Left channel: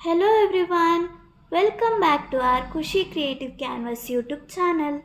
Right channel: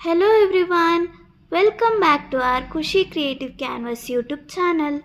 Hello everyone, welcome back to our Kushi Creative Canvas YouTube channel.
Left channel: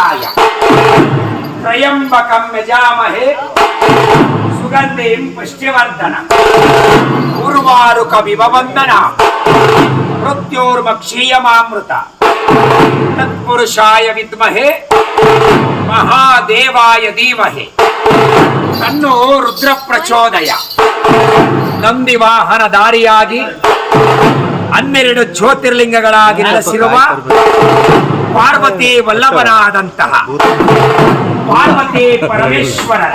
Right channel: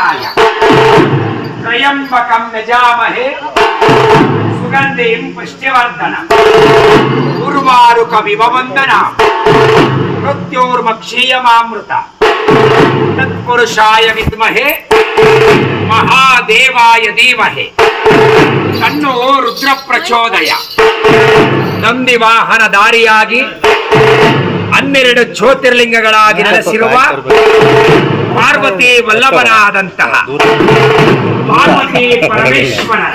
ಶಿವಾಯ ತ್ರಯಂಬಕಂ ಯಜಾಮಹೇ. ಸುಗಂಧಿಂ ಪುಷ್ಟ್ಯವರ್ಧನ ಉರ್ವಾರುಕವಿವ ವಂದನ. ಮೃತ್ಯೋರ್ಮಕ್ಷೀಯಮಾಮೃತ. ತತ್ಪುರುಷಾಯ ವಿದ್ಮಹೇ. ಮಹಾದೇವಾಯ ಧೀಮಹಿ. ತನ್ನೋ ರುದ್ರ ಪ್ರಚೋದಯ ನಂದಿ ವಾಹನ ದಾರಿಯಾಗಿ ಹನ್ನೆರಡು ಜ್ಯೋತಿರ್ಲಿಂಗಗಳಾಗಿ ನೆಲೆಸಿರುವ ಪಾರ್ವತಿ ವಲ್ಲಭನಾದಂತಹ ಪಾರ್ವತಿ ಪರಮೇಶ್ವರರ.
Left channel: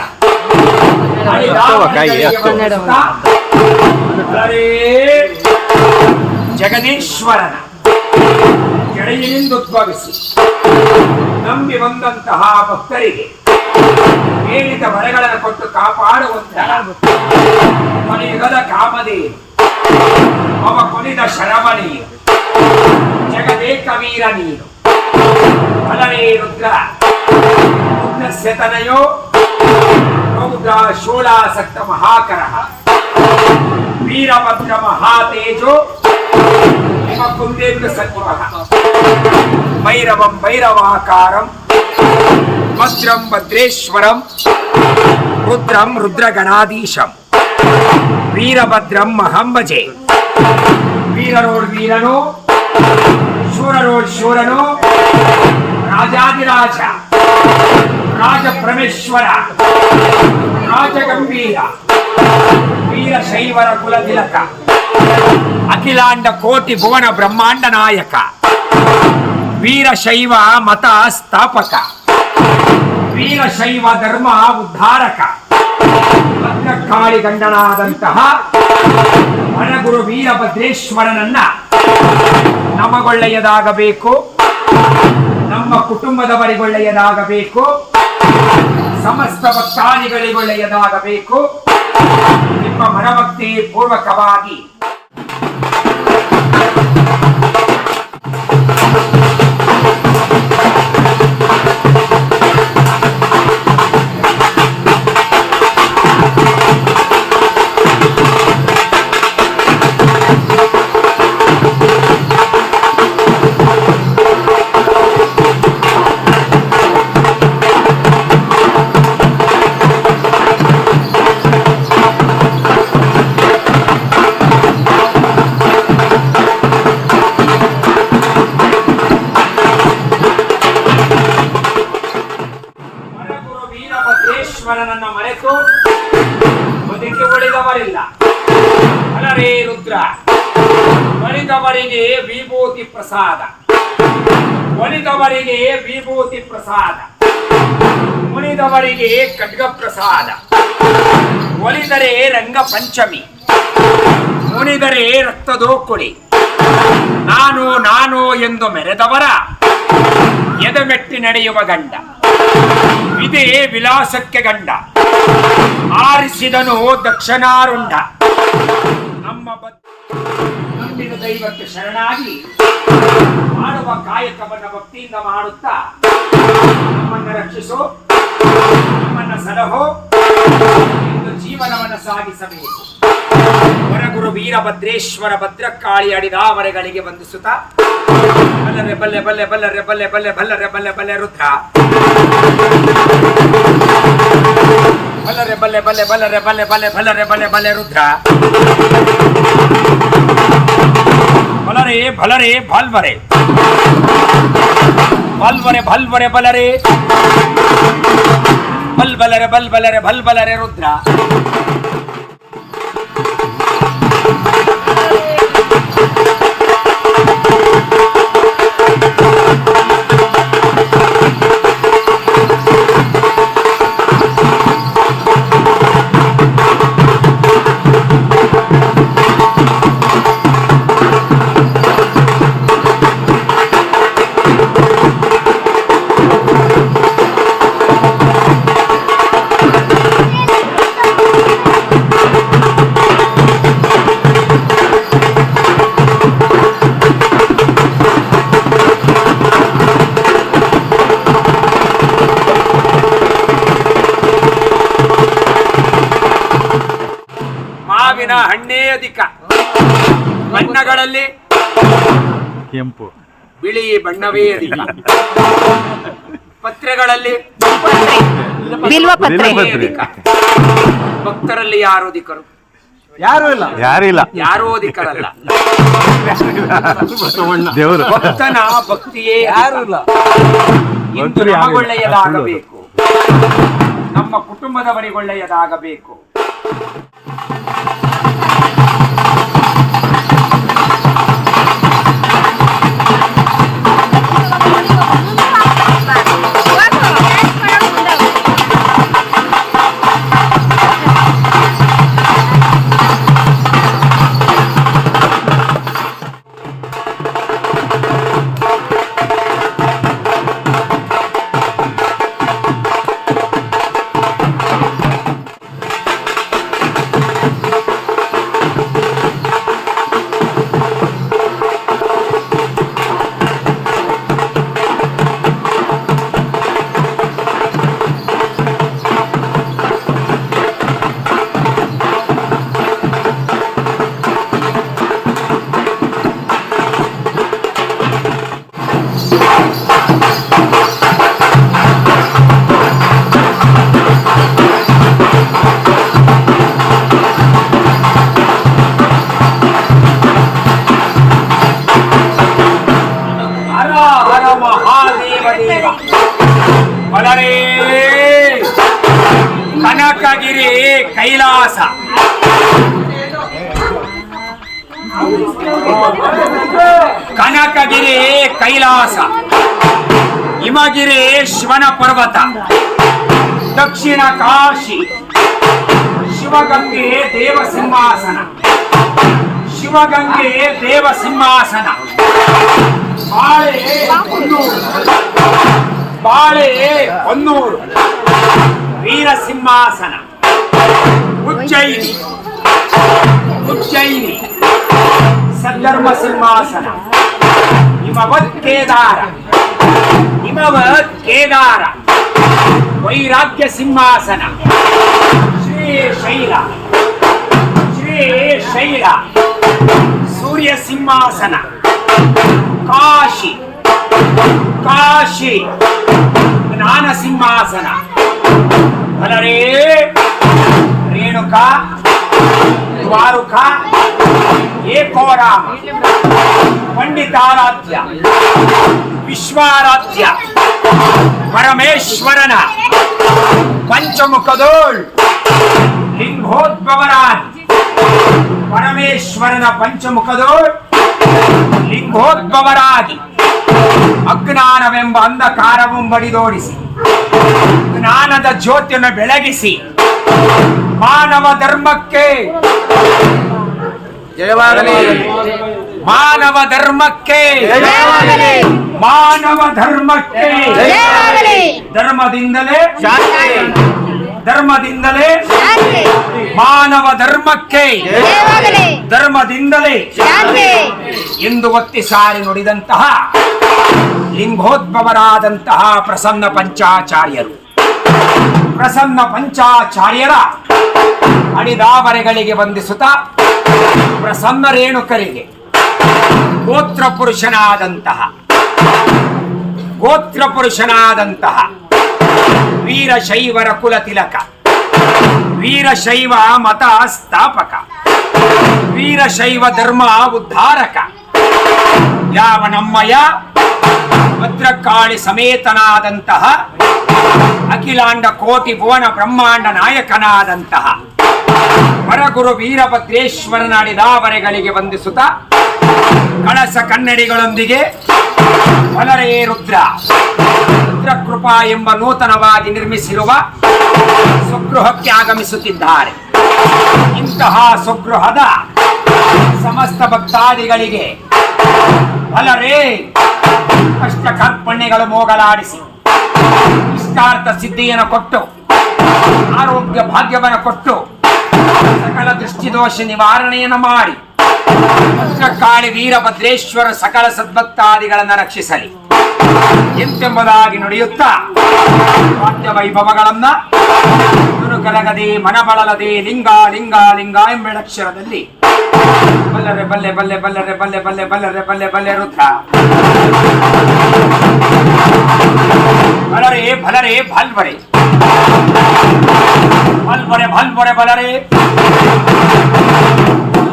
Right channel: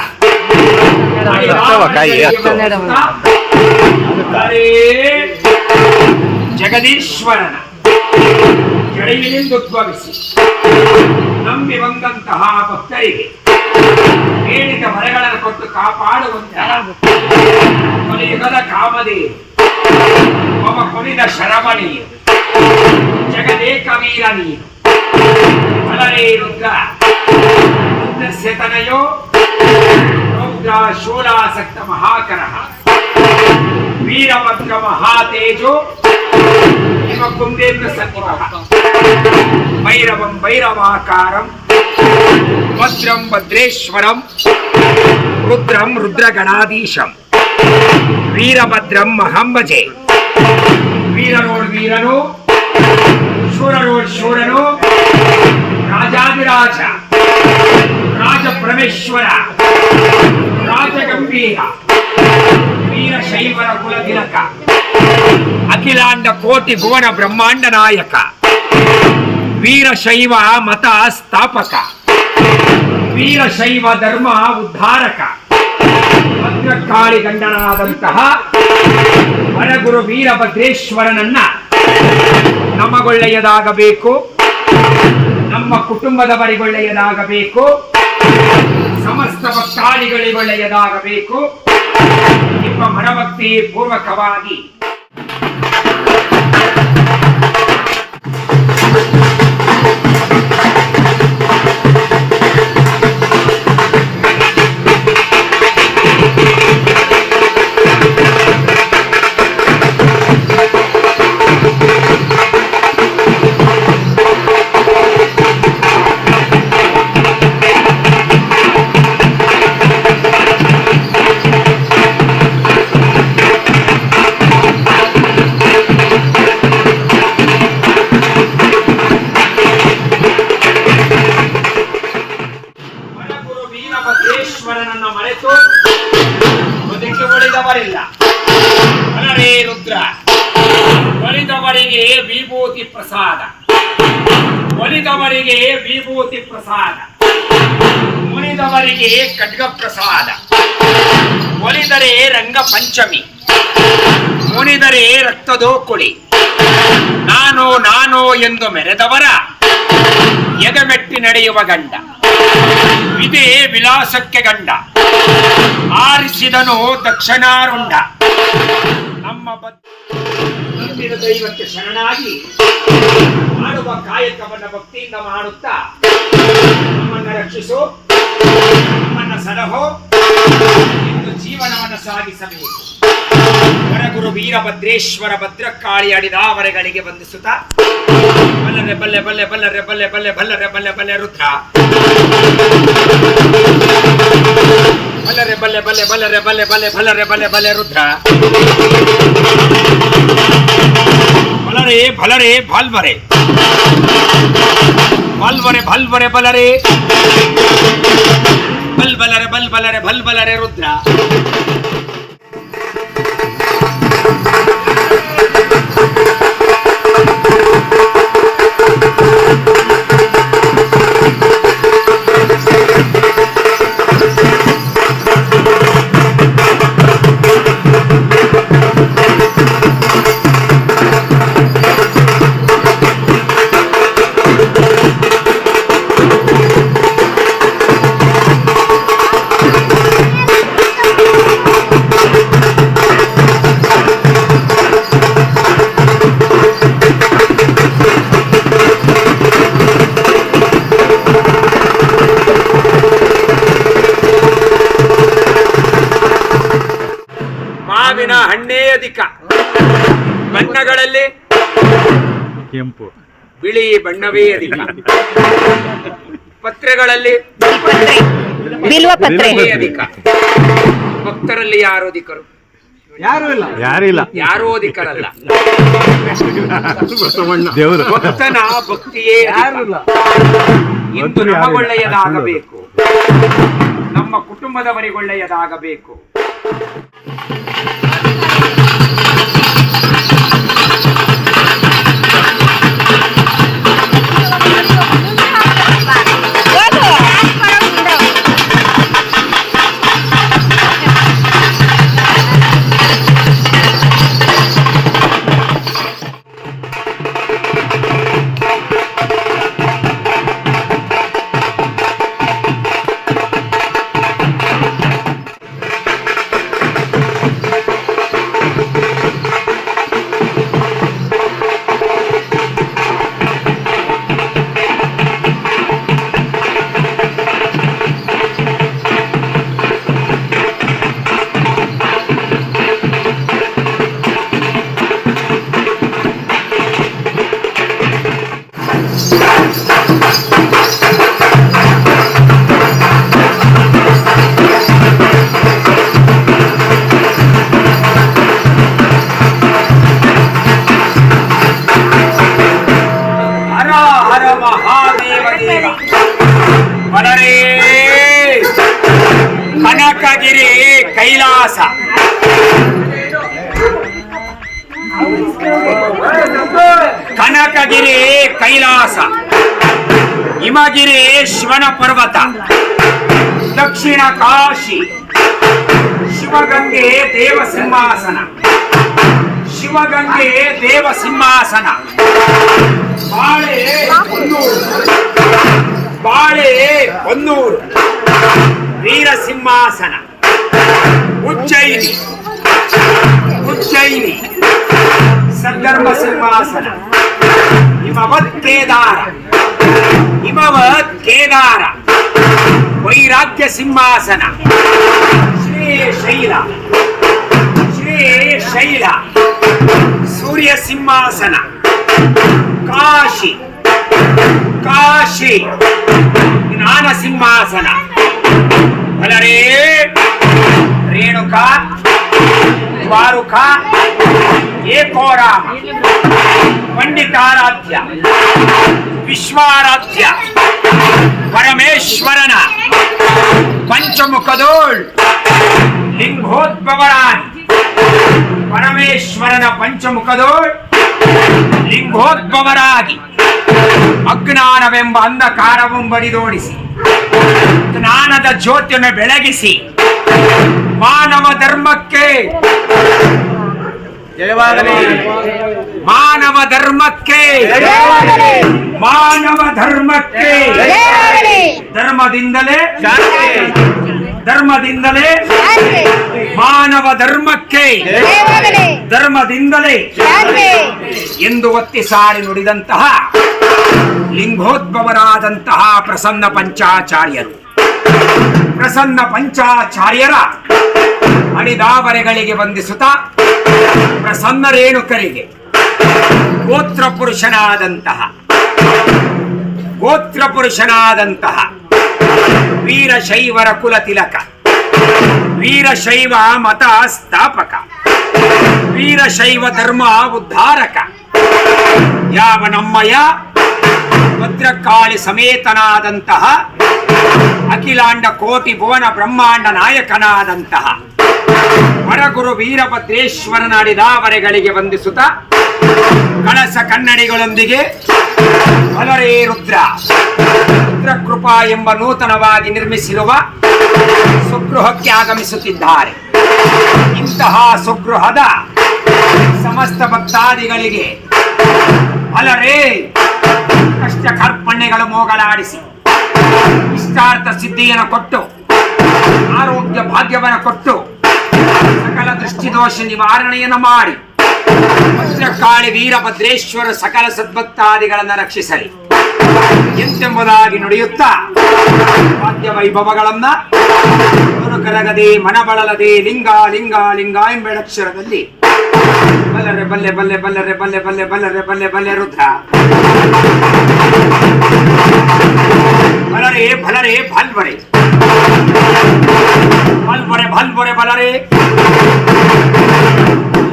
ಜಗದೀಶ್ವರನ. ಕೆಳಗಿನಿಂದ ಉದ್ಭವಿಸಿ ನಂಬಿ ಬಂದಂತಹ ಭಕ್ತರಿಗೆ ಪೀಡಿತ ಮರಗಳನ್ನು ಕೊಟ್ಟು ಕಾಪಾಡುವಂತಹ ಕೊನೆಯುಗದ ಕಾಮದೇವಿ शरम जगदेकवीर रुद्रतनो शूलासक्त महाकर वीरभद्र महातेजो कुंदेन्द्र सन्म भैरव भद्रम भद्रेशर रुद्रम रुद्रगणाधीशम वीरभद्रम महम्बजे ವೀರನೋಡ್ ವೀರನು ಶೂರನೋಡ್ ಶೂರನು ರಾಜಾದಿರಾಜ ರಾಜ ಪರಮೇಶ್ವರ ರಾಜಗಂಭೀರ, ವೀರಶೈವರ ಕುಲತಿಲಕ, ಅಖಿಲಾಂಡ ಕೋಟಿ ಭುವನ ಬ್ರಹ್ಮಾಂಡ ನಾಯಕ, ವೀರಶೈವ ಮತ ಸ್ಥಾಪಕ, ವೀರಶೈವ ಧರ್ಮ ಉದ್ಧಾರಕ ಭದ್ರಕಾಳಿ ಗಂಡನಾದಂತಹ ವನಗುರು ವೀರಭದ್ರೇಶ್ವರನನ್ನ ನಮಗೊಳ್ಳೆಯದಾಗಬೇಕು. ನಮ್ಮ ಕುಟುಂಬದವರಿಗೊಳ್ಳೆಯದಾಗಬೇಕು. ಸಮಸ್ತ ಭಕ್ತಾದಿಗಳಿಗೊಳ್ಳೆಯದಾಗಬೇಕು. ನಿಮ್ಮ ಮನಭಕ್ತಿ ಪೂರ್ವಕವಾಗಿ ಮರೆತು ಬದುಕಿ ಉಳಿದವರಿಲ್ಲ ಅನರೇ ರುದ್ರ, ಒಲಿದವರಿಗೆ ವಿಭೂತಿ ಪ್ರಸಾದ. ಒಲಿದವರಿಗೆ ವಿಭೂತಿ ಪ್ರಸಾದ. ಮುನಿದವರಿಗೆ ಖಡ್ಗ ಪ್ರಸಾದ. ಒಲಿದರೆ ರಂಗ ಪಂಚಮಿ. ಮುನಿದರೆ ರಕ್ತದೋಕುಳಿ ನಾನು ನಾನು ಎಂದು ಮೆರೆದವರ, ಎದೆಮೆಟ್ಟಿ ನಡೆಯುವ ಗಂಡ. ಇದೇ ವಿಲಾಸಕ್ಕೆ ಗಂಡ. ಆರಿಸಿದನು ದಕ್ಷಿಣಾರುಂಡ. ನಮ್ಮ ದೈವಕ್ಕೆ ಶರಣಾಗಿ ಮಾಡುವ ಕಾಯಕವನ್ನ ಭಕ್ತಿಯಿಂದ ಮಾಡುತ್ತಾ ನಮ್ಮನ್ನ ರಕ್ಷಿಸು, ನಮ್ಮನ್ನ ಸಲಹೋ ಎಂದು ಜೀವನವನ್ನು ಸಾಗಿಸಬೇಕು. ಹೊರಗುರು ವೀರಭದ್ರೇಶ್ವರ ಭದ್ರಕಾಳಿ ಅಡಿದಾವರೆಗಳಿಗೆ ವಂದಿಸುತ್ತಾ, ಬಲ್ಲರೆ ಬಲ್ಲೆ ಬಲ್ಲೆ ಬಲ್ಲರೆ ಬಲ್ಲೆ ಬಲ್ಲೆ ಬಲ್ಲರೆ ಬಲ್ಲೆ ಬಲ್ಲೆ ರುದ್ರ. ಬಲ್ಲರೆ ಬಲ್ಲೆ ಬಲ್ಲೆ ಬಲ್ಲರೆ ಬಲ್ಲೆ ಬಲ್ಲೆ ಬಲ್ಲರೆ ಬಲ್ಲೆ ಬಲ್ಲೆ ರುದ್ರ ಬಲರೆ ಬಲರೆ ಬಾಲ್ವರೆ ಬಾಲ್ವರೆ ಬಾಲ್ವರೆ ಬಲರೆ ಬಲ್ ಬಲರೆ ಬಲ್ ಬಲರೆ ಬಲ್ ಬಲರೆ ರುದ್ರ ಬಣ್ಣಗಳಲ್ಲಿ ಕೆಂಪು. ಬಿಳಿ ಬಣ್ಣವೇ ಅಧಿಕ ಪತ್ರೆಗಳಲ್ಲಿ ಬಿಲ್ವ ಪತ್ರೆ. ಬಿಳಿ ಅಧಿಕ. ಭಕ್ತರಲ್ಲಿ ಯಾರು ಅಧಿಕರು? ಯಾರು ಇಲ್ಲ. ಯಾರು ಇಲ್ಲ. ಯಾರು ಅಧಿಕರಲ್ಲ. ದೇವರು. ಭಕ್ತನ ಭಕ್ತಿಯೇ ಯಾರು ಇಲ್ಲ. ಇಂದು. ನಮಗೊಳ್ಳೆಯದಾಗಬೇಕು ನಮ್ಮ ಕುಟುಂಬದವರಿಗೊಳ್ಳೆಯದಾಗಬೇಕು ಕನಕಗಿರಿ ಕೈಲಾಸ. ಹಿಮಗಿರಿ ಶಿವನ ಪರ್ವತ. ದಕ್ಷಿಣ ಕಾಶಿ. ಶಿವಗಂಗೆ ದೇವ ಸಿಂಹಾಸನ. ಶಿವಗಂಗೆ ದೇವ ಸಿಂಹಾಸನ. ಬಾಳೆ ಹೊನ್ನೂರು ಬಾಳೆ ಹೊನ್ನೂರು ವೀರ ಸಿಂಹಾಸನ. ಉಜ್ಜಯಿನಿ. ಉಜ್ಜಯಿನಿ. ಸದ್ಧರ್ಮ ಸಿಂಹಾಸನ. ಹಿಮವತ್ ಕೇದಾರ. ಹಿಮವತ್ ಕೇದಾರ. ವೈರಾಗ್ಯ ಸಿಂಹಾಸನ. ಶ್ರೀ ಶೈಲ. ಶ್ರೀ ಶೈಲ. ಸೂರ್ಯ ಸಿಂಹಾಸನ. ಕಾಶಿ. ಕಾಶಿ. ಜ್ಞಾನ ಸಿಂಹಾಸನ. ಬಲರೇ. ರೇಣುಕ. ದ್ವಾರುಕ. ಏಕೋರಾಮ ಪಂಡಿತಾರಾಧ್ಯ. ವಿಶ್ವಾರಾಧ್ಯ. ಪರಮೇಶ್ವರನ. ಪಂಚಮುಖದೋಳ್. ಲಿಂಗೋದ್ಭವರಾನ್. ಪರಮೇಶ್ವರನ ಪಂಚಮುಖದೋಳ್. ಲಿಂಗೋದ್ಭವರಾಗಿ. ಅಜ್ಞಾನವೆಂಬ ಅಂಧಕಾರವು ಬಡಿದೋಡಿಸಿ ಜ್ಞಾನದ ಜ್ಯೋತಿಯನ್ನು ಬೆಳಗಿಸಿ. ಮಾನವ ಧರ್ಮಕ್ಕೆ ಜಯವಾಗಲಿ. ಮಾನವ ಧರ್ಮಕ್ಕೆ. ಮಾನವ ಧರ್ಮಕ್ಕೆ. ಧರ್ಮದಿಂದಲೇ. ಧರ್ಮದಿಂದಲೇ. ಮಾನವ ಧರ್ಮಕ್ಕೆ. ಧರ್ಮದಿಂದಲೇ. ಎಂದು ಒತ್ತಿ ಸಾರಿ ನುಡಿದಂತಹ ಲಿಂಗೋದ್ಭವರಾದಂತಹ ಪ್ರಸನ್ನ ಪಂಚಾಚಾರ್ಯರು. ಪ್ರಸನ್ನ ಪಂಚಾಚಾರ್ಯರ ಅಡಿದಾವರೆಗಳಿಗೆ ವಂದಿಸುತ್ತಾ ಪ್ರಸನ್ನ ರೇಣುಕರಿಗೆ ಗೋತ್ರ ಪುರುಷನಾದಂತಹ ಗೋತ್ರ ಪುರುಷನಾದಂತಹ ವೀರಶೈವರ ಕುಲ ತಿಲಕ ವೀರಶೈವ ಮತ ಸ್ಥಾಪಕ ವೀರಶೈವ ಧರ್ಮ ಉದ್ಧಾರಕ, ಯಾವ ನಮ್ಮಯ ಭದ್ರಕಾಳಿ ಸಮೇತನಾದಂತಹ ಅಖಿಲಾಂಡ ಕೋಟಿ ಭುವನ ಬ್ರಹ್ಮಾಂಡ ನಾಯಕನಾದಂತಹ ವರಗುರು ವೀರಭದ್ರೇಶ್ವರನಾಡಿದ ಅಡಿದಾವರೆಗಳಿಗೆ ವಂದಿಸುತ್ತ ಕಳಸ ಕನ್ನಡಿಗಳೊಂದಿಗೆ ಬಲರೇ ರುದ್ರ. ರುದ್ರಕೃಪಾ ಎಂಬ ನೂತನವಾಗಿ ನಿರ್ಮಿಸಿರುವ ಸ್ವಗೃಹಕ್ಕೆ ಆಗಮಿಸುತ್ತಿದ್ದಾರೆ. ಇಂತಹ ಸ್ವಗೃಹದ ಸಮಸ್ತ ಭಕ್ತಾದಿಗಳಿಗೆ ಬಲರೇ ಕಷ್ಟ ಕರ್ಪಣೆಗಳು ಮೋಗಲಾಡಿಸಿ, ಇಷ್ಟಾರ್ಥ ಸಿದ್ಧಿಯನ್ನು ಕೊಟ್ಟು, ಆರೋಗ್ಯ ಭಾಗ್ಯವನ್ನು ಕೊಟ್ಟು ಸಕಲ ದೃಷ್ಟಿದೋಷ ನಿವಾರಣೆಯನ್ನು ಮಾಡಿ. ಕಾಳಿ ವೀರಭದ್ರೇಶ್ವರ ಸಕಲ ಸದ್ಭಕ್ತಾದಿಗಳನ್ನು ರಕ್ಷಿಸಲಿ. ಎಂತೆಂಬುದಾಗಿ ನುಡಿಯುತ್ತಾ ವಾದ್ಯ ವೈಭವಗಳನ್ನ ಕರಗದೆ ಮನಬಳಲದೆ, ಲಿಂಗ ಲಿಂಗ ಲಿಂಗ ಎಂಬೆಡಕ್ಷರದಲ್ಲಿ ಬಲ್ಲರೆ, ಬಲ್ಲೆ ಬಲ್ಲೆ, ಬಲ್ಲರೆ, ಬಲ್ಲೆ ಬಲ್ಲೆ, ಬಲ್ಲರೆ, ಬಲ್ಲೆ ಬಲ್ಲೆ ರುದ್ರ. ಬಲರೆ ಬಲರೆ ಭಲ್ವರೆ ಬಲ್ಬರೆ ಭಲ್ಬರೆ ಬಲರೆ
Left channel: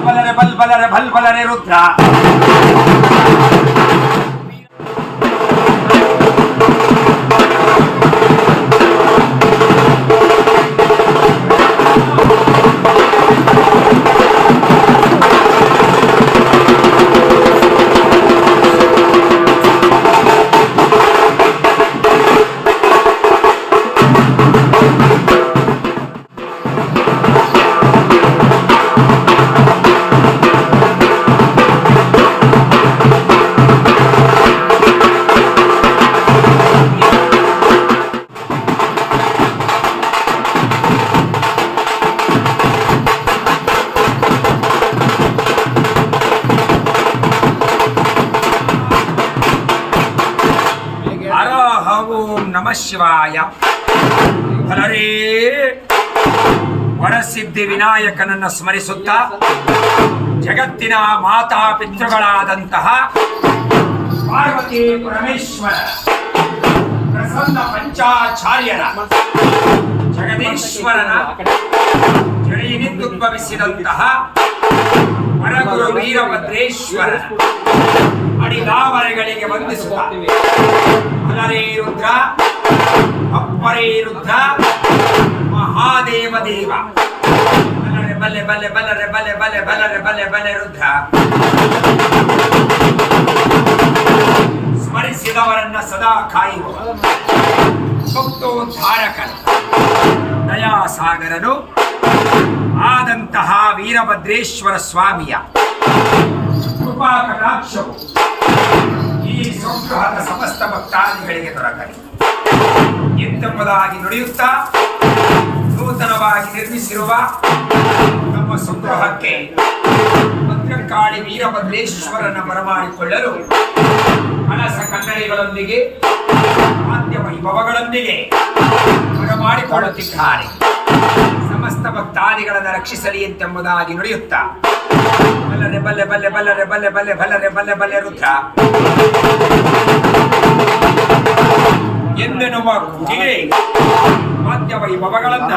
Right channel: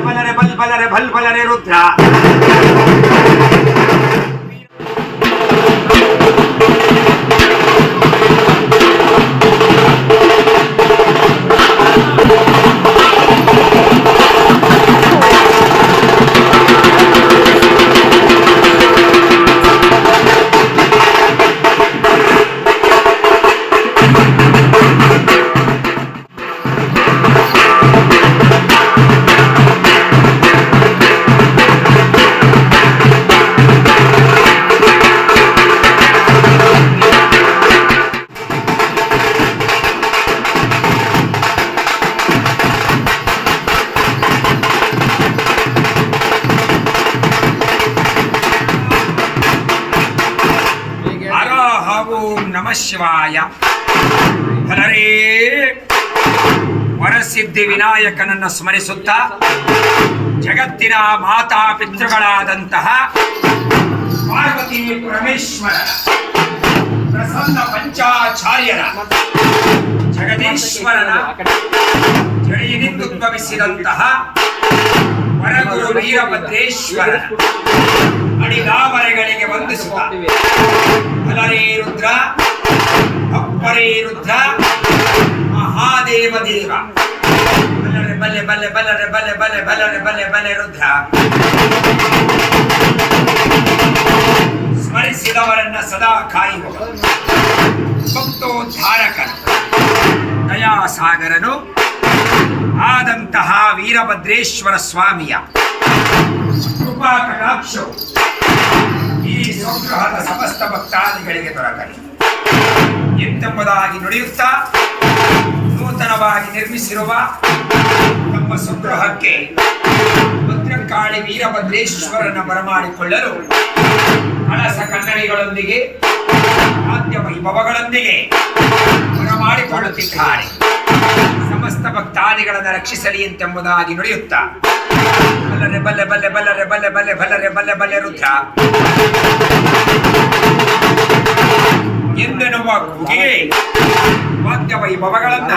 ಬಲರೆ ಬಲ್ ಬಲರೆ ಭಲ್ ಬಲರೆ ರುದ್ರ ಹರ ಶಿವಾಯ. ಹಲರೀ ವರಸಿದ್ಧಿ ವಿನಾಯಕನನ್ನು ಸ್ಮರಿಸುತ್ತ ಜಗತ್ತಿನ ಮಾತಾ ಪಿತೃಗಳಾದಂತಹ ಪಾರ್ವತಿ ಪರಮೇಶ್ವರ, ಪ್ರಸನ್ನ ಪಂಚಾಚಾರ್ಯರ, ಜಗದೀಶ್ವರನ ಜಡಿಯಿನಿಂದುದ್ಭವಿಸಿದಂತಹ ವರಗುರು ವೀರಭದ್ರೇಶ್ವರ ಅಡಿದಾವರೆಗಳಿಗೆ ವಂದಿಸುವ ಹಲರೇ ರುದ್ರ. ಅಪ್ಪರೇ ರುದ್ರ ಮಹಾದೇವ ದೇವ. ಬಲ್ಲರೆ, ಬಲ್ಲೆ ಬಲ್ಲೆ, ಬಲ್ಲರೆ, ಬಲ್ಲೆ ಬಲ್ಲೆ, ಬಲ್ಲರೆ, ಬಲ್ಲೆ ಬಲ್ಲೆ ರುದ್ರ. ಸ್ಮರಿಸಿದವರನ್ನ ಸದಾ ಕಾಯುವ ಭಕ್ತೋದ್ಧಾರಕನು, ದಯಾಸಾಗರನು, ಆದಂತಹ ವೀರಭದ್ರೇಶ್ವರ ಸ್ವಾಮಿಯ ಕೃಪಾ ಕಟಾಕ್ಷವು ಈ ಸಂಗ್ರಹದ ಸಮಸ್ತ ಭಕ್ತಾದಿಗಳಿಗೆ ದೊರಕಲಿ. ಎಂತೆಂಬುದಾಗಿ ನುಡಿಯುತ್ತಾ, ನೂತನವಾಗಿ ನಿರ್ಮಿಸಿರುವ ನಮ್ಮ ಸಂಗ್ರಹಕ್ಕೆ ಭದ್ರಕಾಳಿ ವೀರಭದ್ರೇಶ್ವರನ ಬರಮಾಡಿಕೊಳ್ಳಲು ಕಳಸ ಕನ್ನಡಿಗಳೊಂದಿಗೆ ಆದ್ಯ ವೈಭವಗಳೊಂದಿಗೆ ಬರಮಾಡಿಕೊಳ್ಳುತ್ತಿದ್ದಾರೆ. ಸಮಸ್ತ ಭಕ್ತಾದಿಗಳನ್ನು ರಕ್ಷಿಸಲಿ ಎಂತೆಂಬುದಾಗಿ ನುಡಿಯುತ್ತಾ, ಬಲ್ಲರೆ ಬಲ್ಲೆ ಬಲ್ಲೆ ಬಲ್ಲರೆ ಬಲ್ಲೆ ಬಲ್ಲೆ ಬಲ್ಲರೆ ಬಲ್ಲೆ ಬಲ್ಲೆ ರುದ್ರ. ಎಂದು ನಮ್ಮ ಕುಗಿಗೆ ಮಾಧ್ಯ ವೈಭವಗಳನ್ನ